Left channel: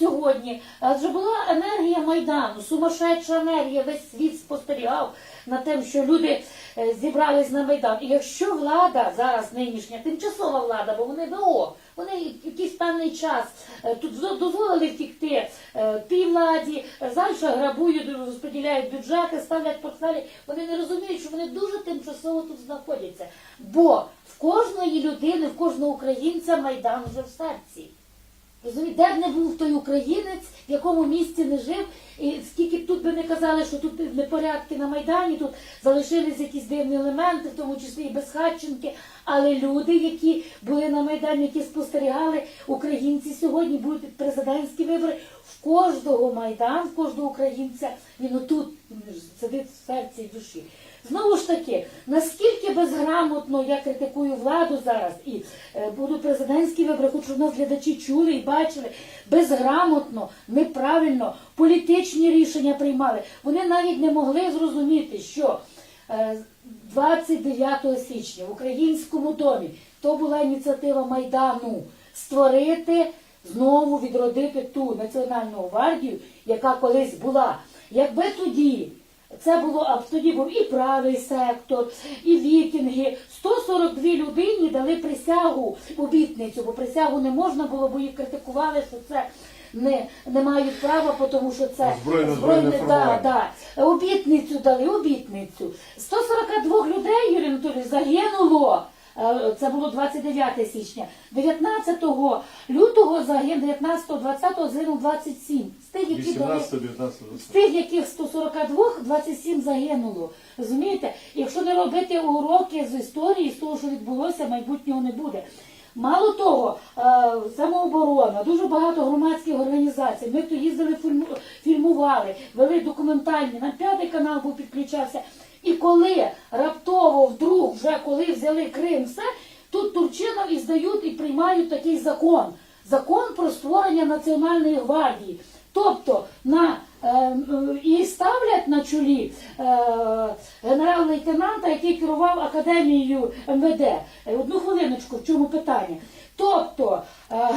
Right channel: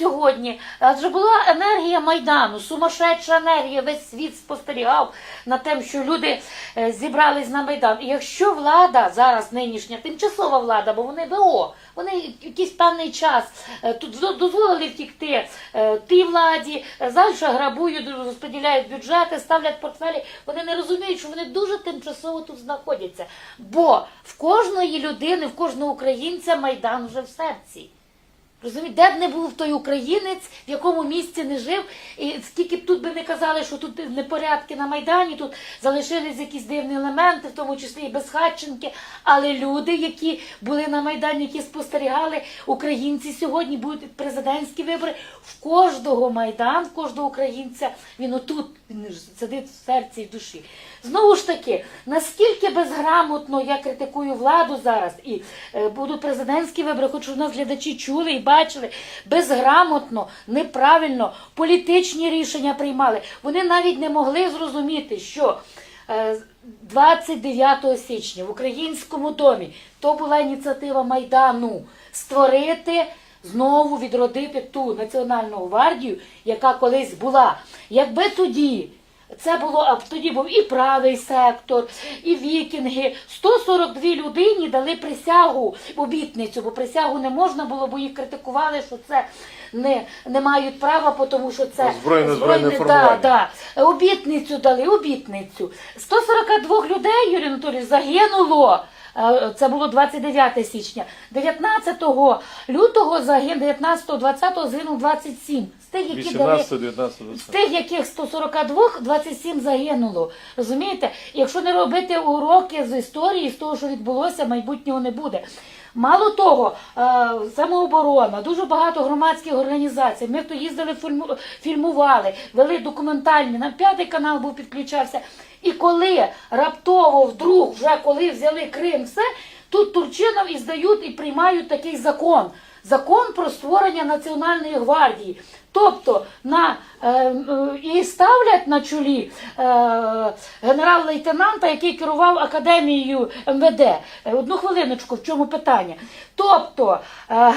сьогодні, адже була енергія Майдану, сумасшедша енергія, весь світ спостерігав на те, що люди е, зібрались на Майдан. І якщо влада зараз нинішня, тимчасова влада, бо вони ВО, вони якийсь певний час е, тут дозволили втікти е, тій владі, е, далі грабують, розподіляють бюджети, ставлять портфелі. Вони не розуміють, що вони дуже тимчасово тут знаходяться. Бо в кожної людини, в кожного українця Майдан вже в серці. Розумієте, де б не був той українець, в якому місці не жив, і скільки б тут би не казали, що тут непорядки на Майдані, тут залишились якісь дивні елементи, в тому числі і безхатченки. Але люди, які були на Майдані, які спостерігали, українці сьогодні будуть президентські вибори. В кожного Майдан, в кожного українця, він отут він сидить в серці і в душі. Знову ж таки, наскільки безграмотно я критикую владу зараз, і е, будуть президентські вибори, хочу, нас глядачі чули і бачили, безграмотно, неправильно, політичні рішення приймали. Вони навіть не могли зрозуміти, що е, 29 січня в Українському домі то була ініціатива Майдану створити. Знову відродити ту національну гвардію, яка колись була. Якби тоді це було а тоді був і правий сектор, і вікінги. 142 людині дали присягу обітницю, бо присягу не можна було, бо їх критикували, що це не, не мають права, тому що це збройне, збройне да, да. Обітницю дали, обітницю. 142 людей, Юрій Анатолійович, загинуло. Е, Це було 29 січня. 19 лютого загинуло, 19-20 загинув 27. З тих, які дали 18, 19, з 20. тих, яких 142, 27 загинуло. Розумієте? Якщо не робити уроки з історії, з того, що відбулося, майбутнього не буде. Мало того, е, самооборона, дуже багато громадських організацій. Ми то їздили, фільму- фільмували, вели документальні, нам п'ятий канал був підключався. І коли раптово, вдруг, вже коли взяли Крим, все, тут Турчинов і здають і приймають такий закон. Закон про створення Національної гвардії. Тобто на е, е, і ставлять на чолі е, генерал-лейтенанта, який керував академією МВД. Е, Одну хвилиночку, в чому питання? Тобто е,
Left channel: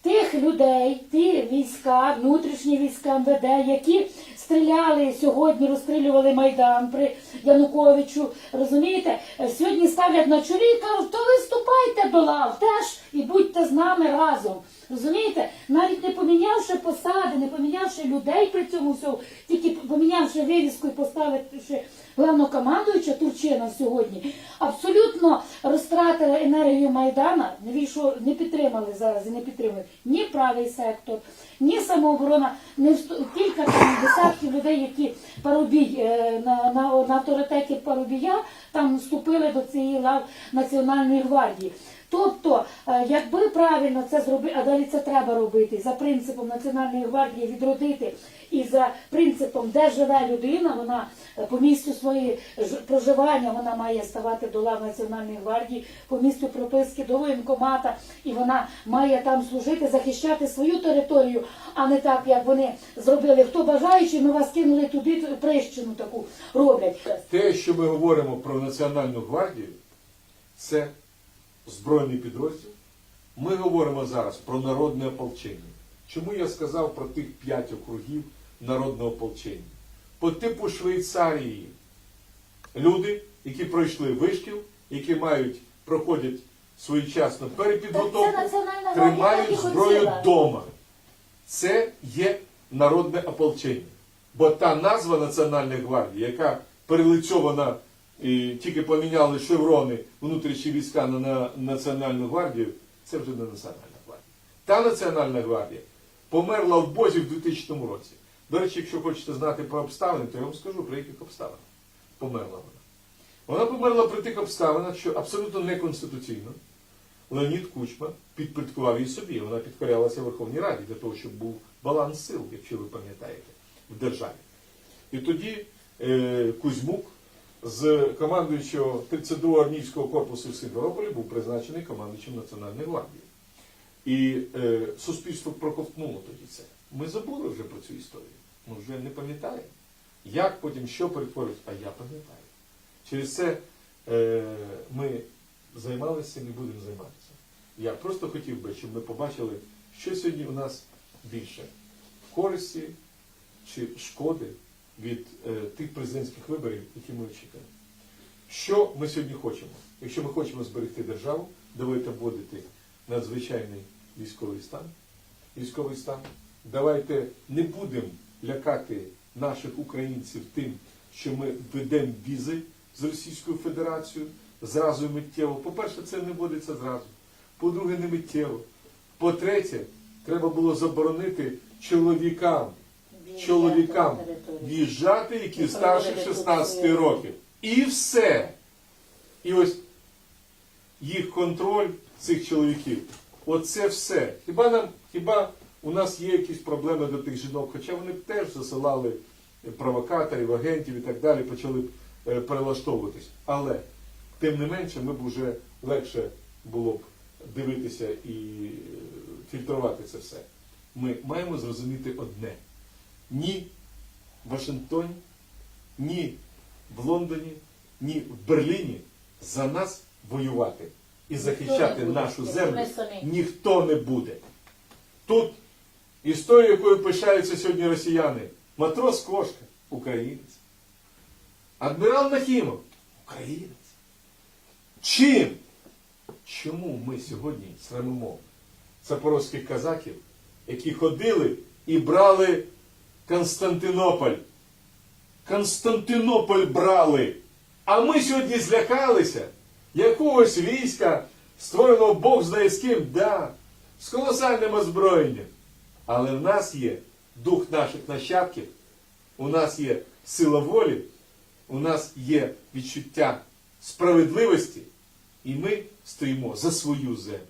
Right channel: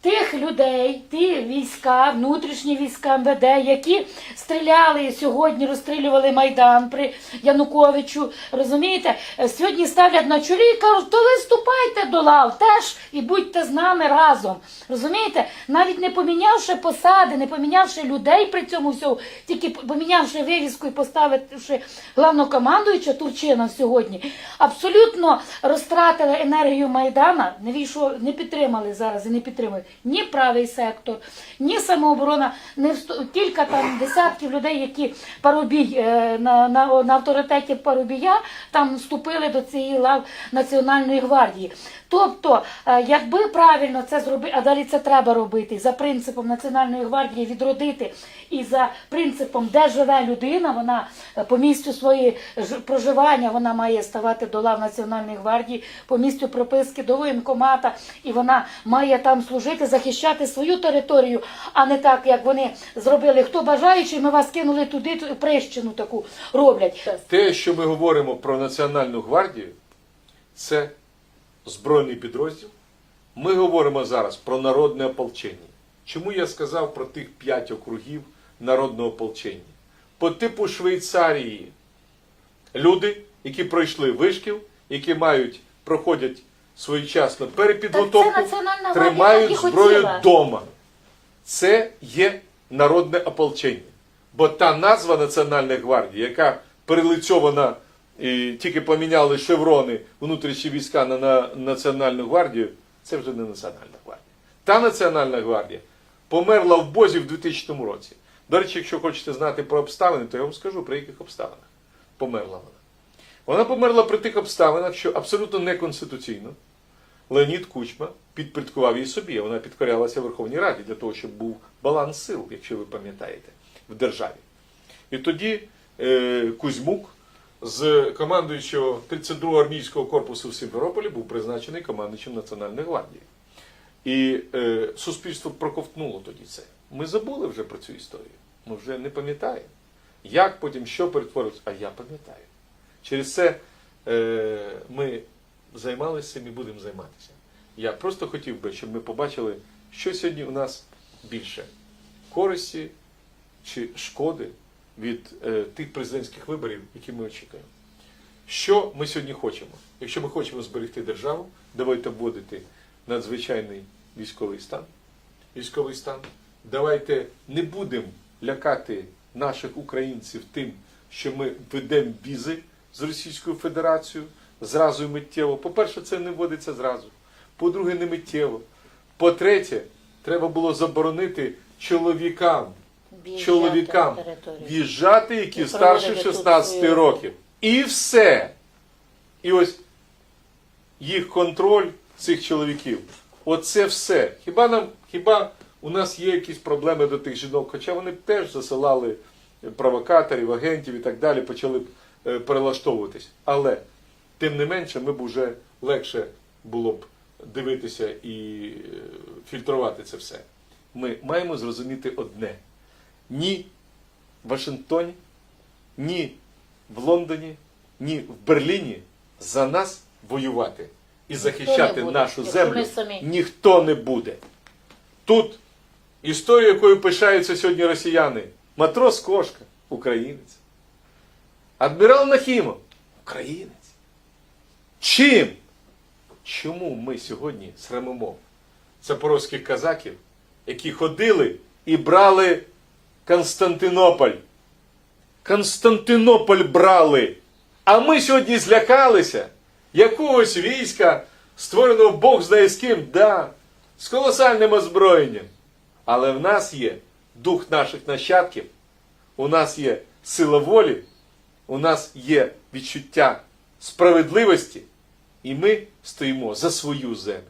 тих людей, ті війська, внутрішні війська МВД, які стріляли сьогодні, розстрілювали Майдан при Януковичу. Розумієте, Е, сьогодні ставлять на чолі і кажуть, то ви вступайте до лав теж і будьте з нами разом. Розумієте, навіть не помінявши посади, не помінявши людей при цьому всьому, тільки помінявши вивіску і поставивши главнокомандуюча Турчина сьогодні, абсолютно розтратили енергію Майдана, не війшло, не підтримали зараз і не підтримують ні правий сектор, ні самооборона, не кілька там десятків людей, які парубій е, на, на, на авторитеті Парубія там вступили до цієї лав Національної гвардії. Тобто, е, якби правильно це зробити, а далі це треба робити за принципом Національної гвардії відродити і за принципом, де живе людина, вона е, по місцю своєї проживання вона має ставати до лав Національної гвардії, по місцю прописки до воєнкомата, і вона має там служити, захищати свою територію, а не так, як вони зробили. Хто бажаючий, ми вас кинули туди, прищину таку роблять. Те, що ми говоримо про Національну гвардію, це збройний підрозділ. Ми говоримо зараз про народне ополчення. Чому я сказав про тих п'ять округів народного ополчення? По типу Швейцарії люди, які пройшли вишкіл, які мають, проходять своєчасно перепідготовку, тримають зброю вдома. Це є народне ополчення. Бо та назва Національної гвардії, яка перелицьована, і тільки поміняли шеврони внутрішні війська на, на Національну гвардію, це вже не Національна гвардія. Та Національна гвардія померла в Бозі в 2000 році. До речі, якщо хочете знати про обставини, то я вам скажу, про яких обставинах померла вона. Вона померла при тих обставинах, що абсолютно неконституційно. Леонід Кучма підпорядкував її собі. Вона підкорялася Верховній Раді для того, щоб був баланс сил, якщо ви пам'ятаєте, в державі. І тоді е, Кузьмук з командуючого 32-го армійського корпусу в Сімферополі був призначений командуючим Національної гвардії. І е, суспільство проковтнуло тоді це. Ми забули вже про цю історію. Ми вже не пам'ятаємо. Як потім що перетворилось, а я пам'ятаю. Через це е, ми займалися і будемо займатися. Я просто хотів би, щоб ми побачили, що сьогодні у нас більше користі чи шкоди від е, тих президентських виборів, які ми очікуємо. Що ми сьогодні хочемо? Якщо ми хочемо зберегти державу, давайте вводити надзвичайний військовий стан. Військовий стан. Давайте не будемо лякати наших українців тим, що ми ведемо візи з Російською Федерацією зразу і миттєво. По-перше, це не вводиться зразу. По-друге, не миттєво. По-третє, треба було заборонити чоловікам чоловікам в'їжджати, які старше 16 років. І все. І ось їх контроль цих чоловіків. Оце все. Хіба нам, хіба у нас є якісь проблеми до тих жінок? Хоча вони б теж засилали провокаторів, агентів і так далі, почали б е, перелаштовуватись. Але тим не менше, ми б вже легше було б дивитися і е, фільтрувати це все. Ми маємо зрозуміти одне: ні в Вашингтоні, ні в Лондоні, ні в Берліні за нас воювати і захищати буде, нашу землю ніхто не буде. Тут історія, якою пишаються сьогодні росіяни. Матрос Кошка українець. Адмірал Нахімов українець. Чим? Чому ми сьогодні срамимо запорозьких казаків, які ходили і брали Константинополь? Константинополь брали. А ми сьогодні злякалися якогось війська, створеного Бог знає з ким, да, з колосальним озброєнням. Але в нас є дух наших нащадків, у нас є сила волі, у нас є відчуття справедливості, і ми стоїмо за свою землю.